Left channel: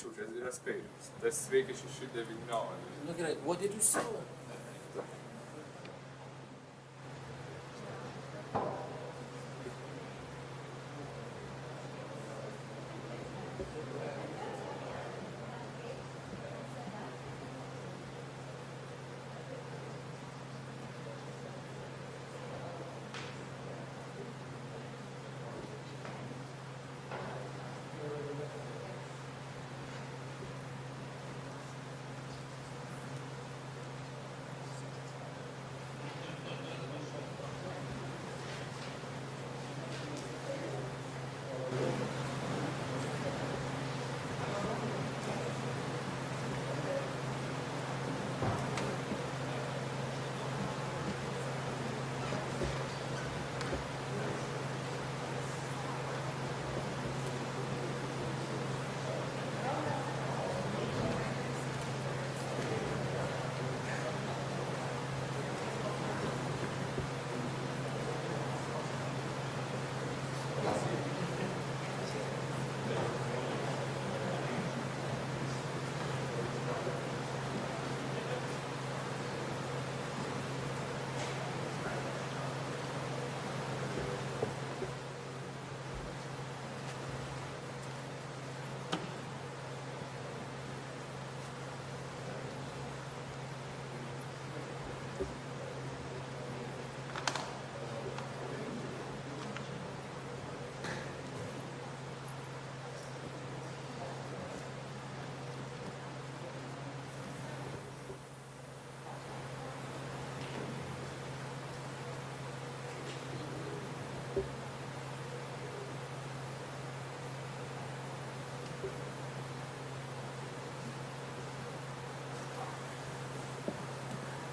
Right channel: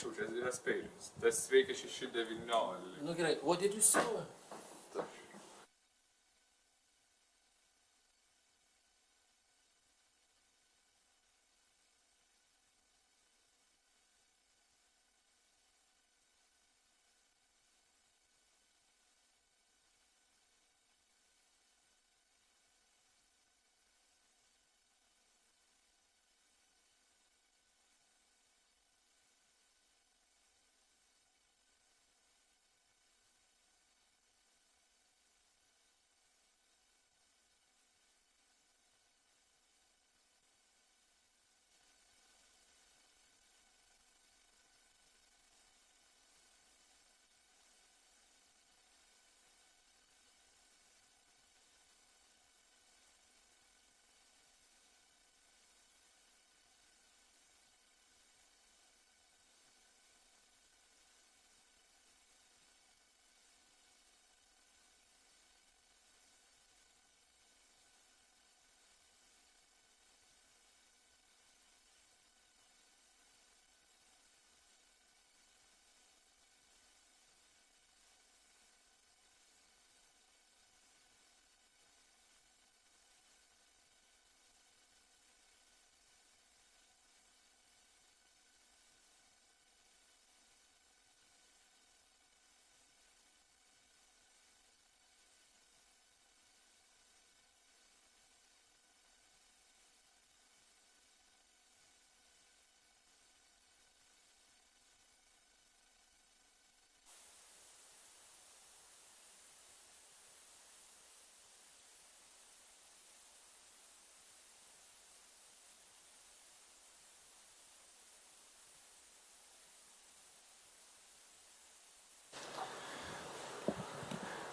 čia yra spėjimas. Tas veikia 6-9. Nu gerai, what did you say?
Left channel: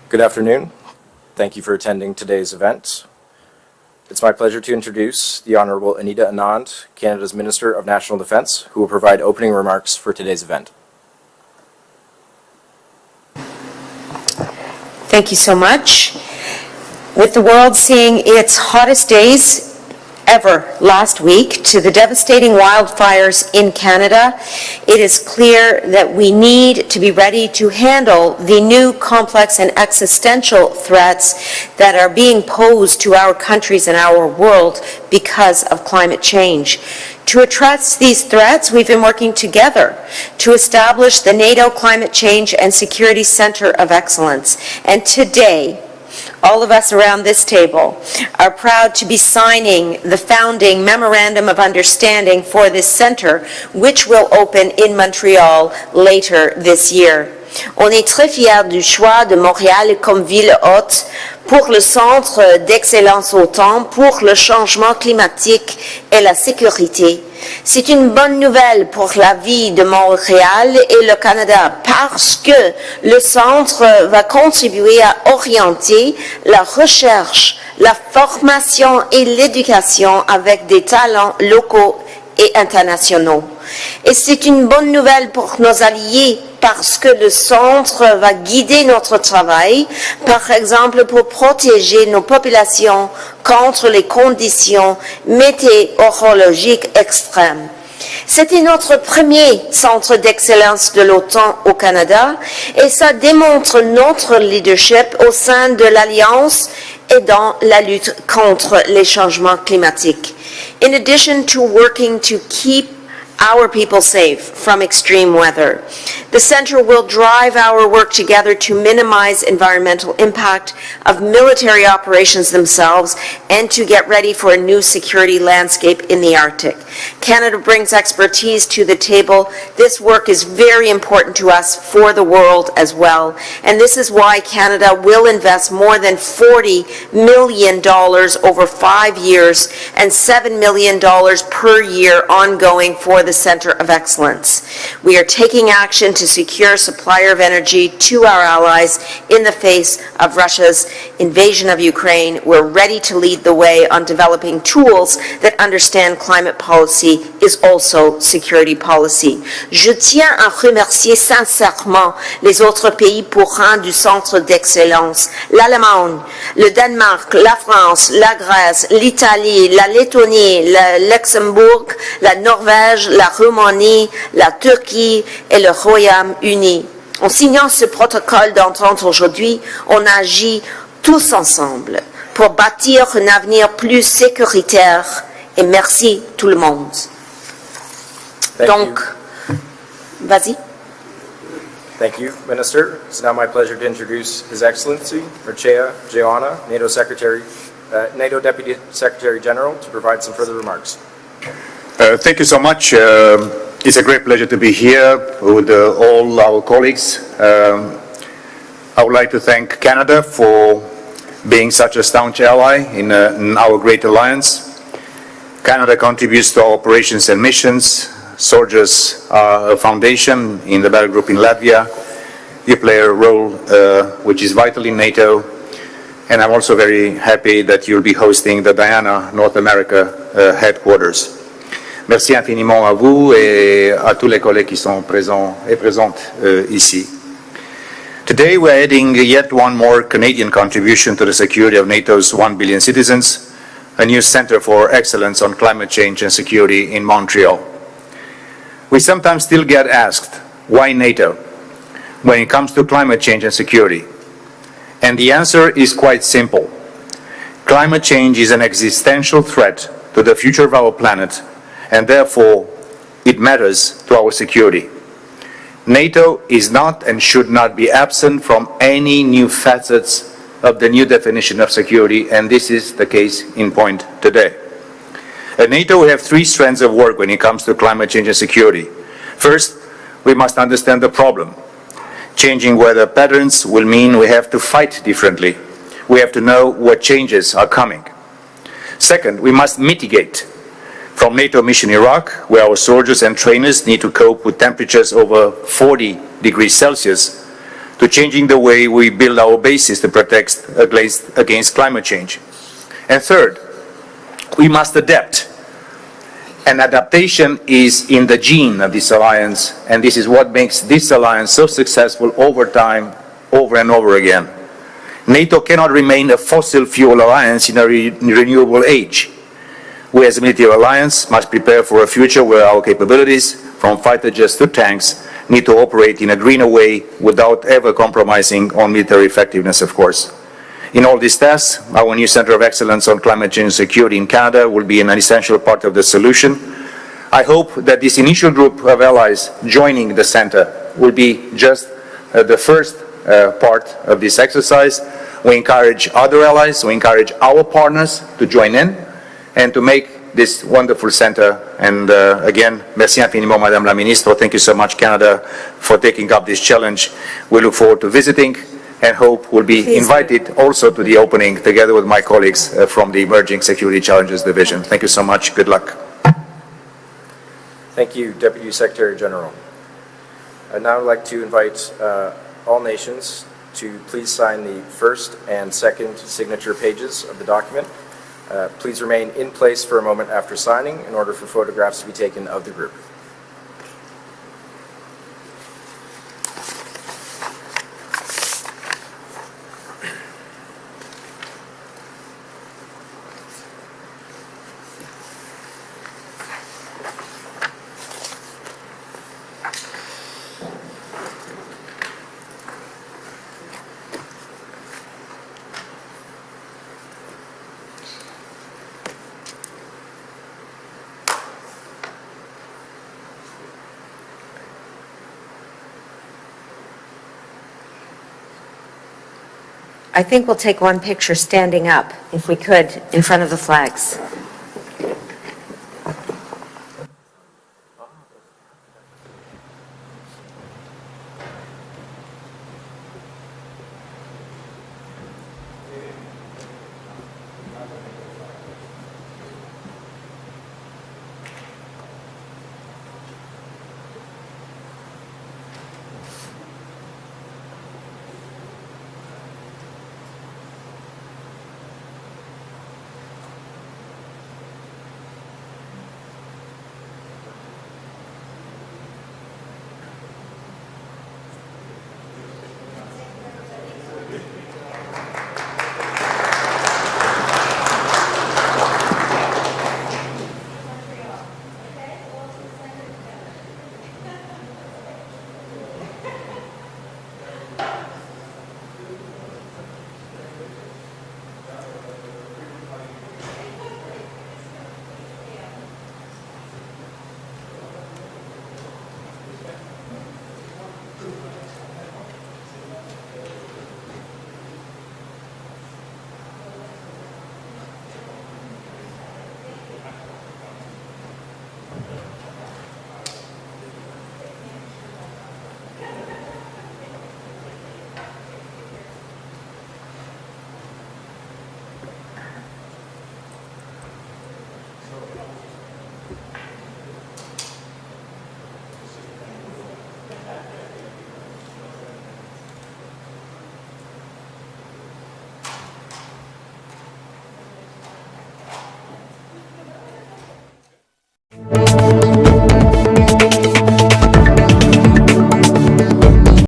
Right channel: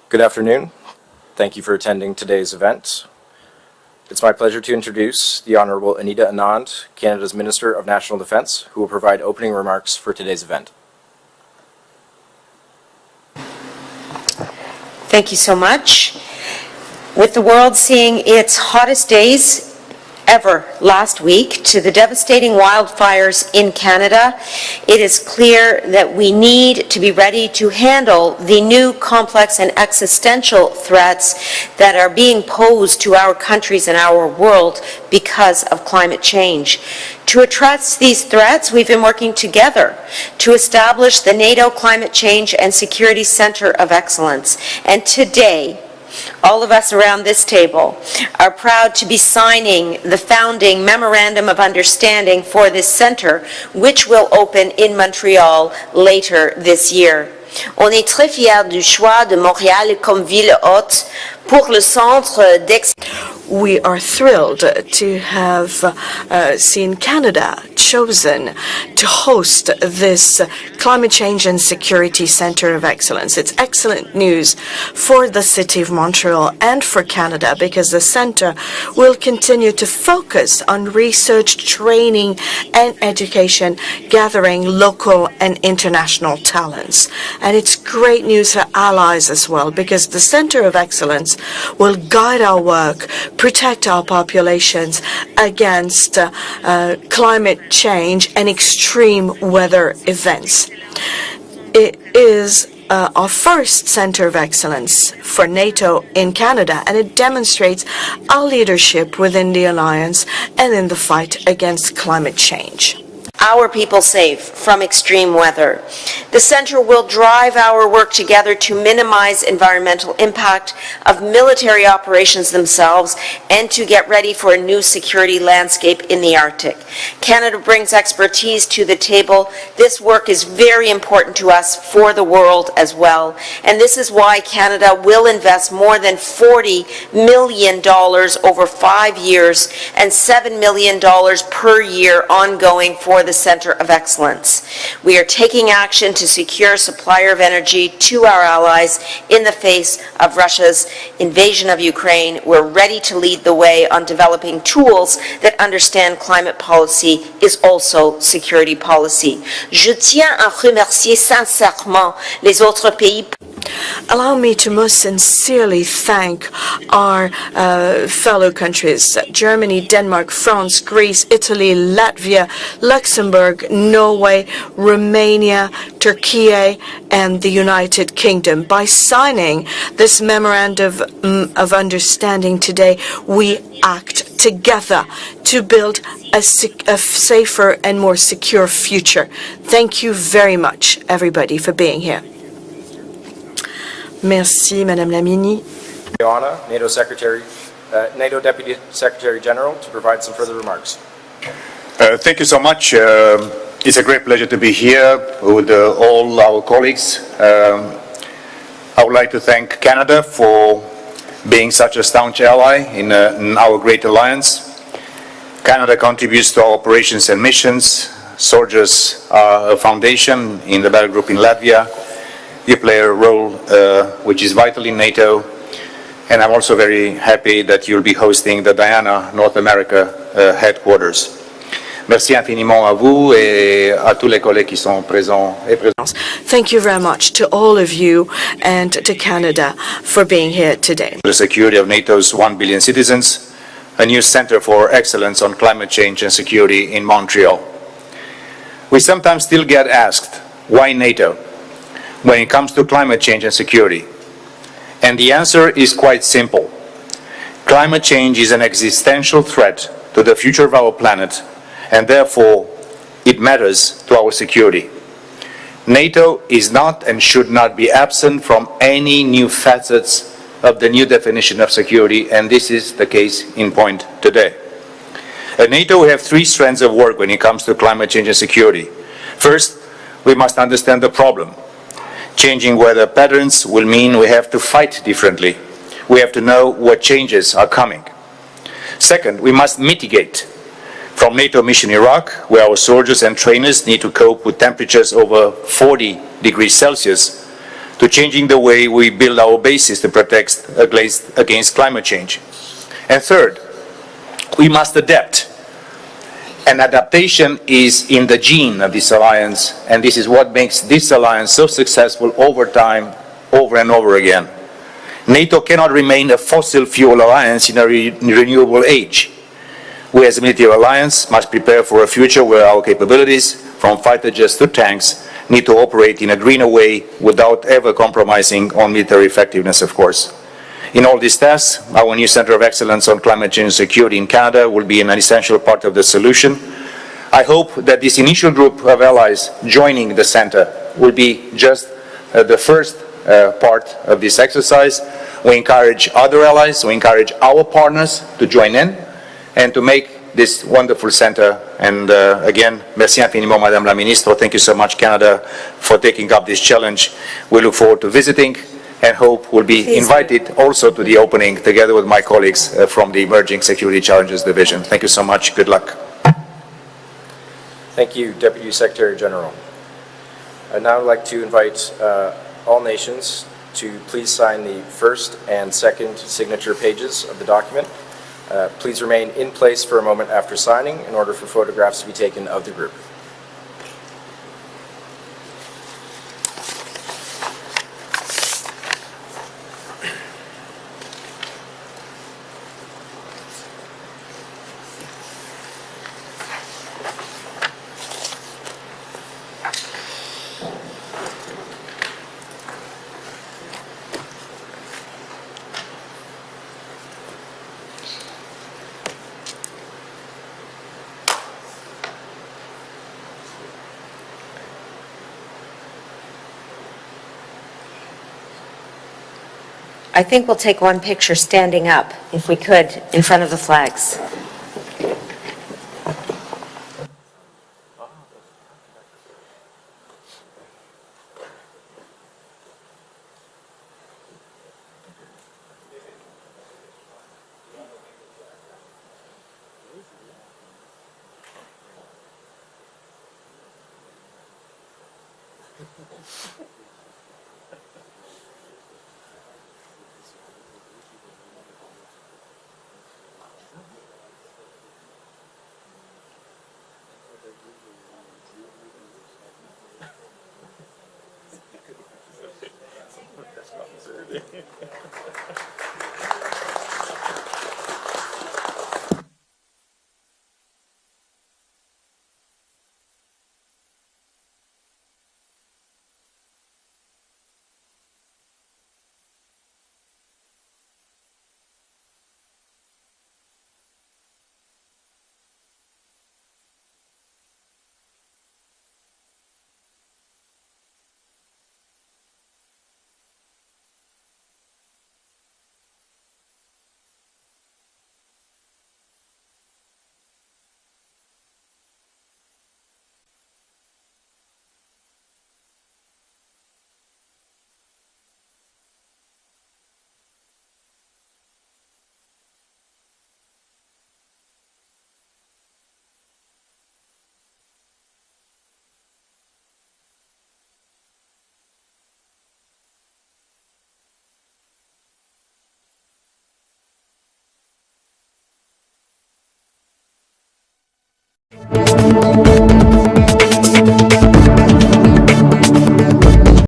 Good afternoon. Thank you for attending today's event. It's my pleasure to introduce the Honorable Anita Anand, Canada's Minister of National Defence, who will provide opening remarks for today's event. Thank you so much. With the world seeing its hottest days ever last week to the devastating wildfires in Canada, it is clear that we need to be ready to handle the new complex and existential threats that are being posed to our countries and our world because of climate change. To address these threats, we've been working together to establish the NATO Climate Change and Security Center of Excellence. And today, all of us around this table are proud to be signing the founding Memorandum of Understanding for this center, which will open in Montreal later this year. On est très fiers du choix de Montréal comme ville hôte pour le Centre d'Excellence au Temps pour le changement climatique et la sécurité. C'est une bonne nouvelle pour la vie de Montréal et le Canada parce que le centre va contribuer à orienter la recherche, la formation et l'éducation avec des talents locaux et internationaux. Et c'est une bonne nouvelle pour nos alliés parce que le centre va guider notre travail, par exemple pour protéger nos populations contre les conditions météorologiques extrêmes. C'était notre premier centre d'excellence de l'OTAN au Canada et ça démontre notre leadership au sein de l'Alliance et dans la lutte contre les changements climatiques. In addition to working to keep our people safe from extreme weather, the Center will drive our work together to minimize environmental impact of military operations themselves and to get ready for a new security landscape in the Arctic. Canada brings expertise to the table. This work is very important to us for the world as well, and this is why Canada will invest more than $40 million over 5 years and $7 million per year ongoing for the Center of Excellence. We are taking action to secure supplier of energy to our allies in the face of Russia's invasion of Ukraine. We're ready to lead the way on developing tools that understand climate policy is also security policy. Je tiens à remercier sincèrement les autres pays pourrants du Centre d'Excellence, l'Allemagne, le Danemark, la France, la Grèce, l'Italie, la Lettonie, le Luxembourg, la Norvège, Luxembourg, Roumanie, Norway, la Turquie et Romania, le Royaume-Uni. Turkey, En and the signant ce United protocole Kingdom. By d'entente aujourd'hui, signing on this agit memorandum tous of ensemble pour understanding today, bâtir un we avenir plus act together sécuritaire. to Et build merci a, tout le monde. a safer and more secure Donc, future. Thank you very much, everybody, for being Thank here. you, Minister. It's now my pleasure to introduce His Merci, Madame la Excellency Ministre. Lucia Joanna, NATO Deputy Secretary General, to provide some further remarks. Thank you so much. It's a great pleasure to be here with all our colleagues. I would like to thank Canada for being such a staunch ally in our great alliance. Canada contributes to our operations and missions. Soldiers are a foundation in the battle group in Latvia. You play a role which is vital in NATO. And I'm also very happy that you'll be hosting the Diana North America headquarters. Merci infiniment à vous et à tous les collègues qui sont présents et présentes Thank you ici. very much to all of you. Today we're and adding to yet Canada one more for Canadian being here contribution today. to the security of NATO's 1 billion citizens, a new center for excellence on climate change and security in Montreal. We sometimes still get asked, why NATO, when it comes to climate change and security? And the answer is quite simple. Climate change is an existential threat to the future of our planet, and therefore it matters to our security. NATO is not and should not be absent from any new facets of the new definition of security, and this is the case in point today. At NATO, we have three strands of work when it comes to climate change and security. First, we must understand the problem. Changing weather patterns will mean we have to fight differently. We have to know what changes are coming. Second, we must mitigate. From NATO mission Iraq, where our soldiers and trainers need to cope with temperatures over 40 degrees Celsius, to changing the way we build our bases to protect against climate change. And third, we must adapt. And adaptation is in the gene of this alliance, and this is what makes this alliance so successful over time, over and over again. NATO cannot remain a fossil fuel alliance in a renewable age. We as a military alliance must prepare for a future where our capabilities, from fighter jets to tanks, need to operate in a greener way without ever compromising on military effectiveness, of course. In all these tasks, our new Centre of Excellence on Climate Change and Security in Canada will be an essential part of the solution. I hope that this initial group of allies joining the Centre will be just the first part of this exercise. We encourage other allies, we encourage our partners to join in and to make this wonderful center. And again, merci infiniment, Madame la Ministre. Thank you so much, Canada, for taking up this challenge. We look forward to visiting and hope we'll be invited also to the opening together with my colleagues from the Emerging Security Challenges Division. Thank you so much. Good luck. Thank you, Deputy Secretary General. I'd now like to invite all nations to please sign the first and second signature pages of the document. Please remain in place for a moment after signing in order for photographs to be taken of the group. I think we'll take one picture standing up, if we could, in front of the flags.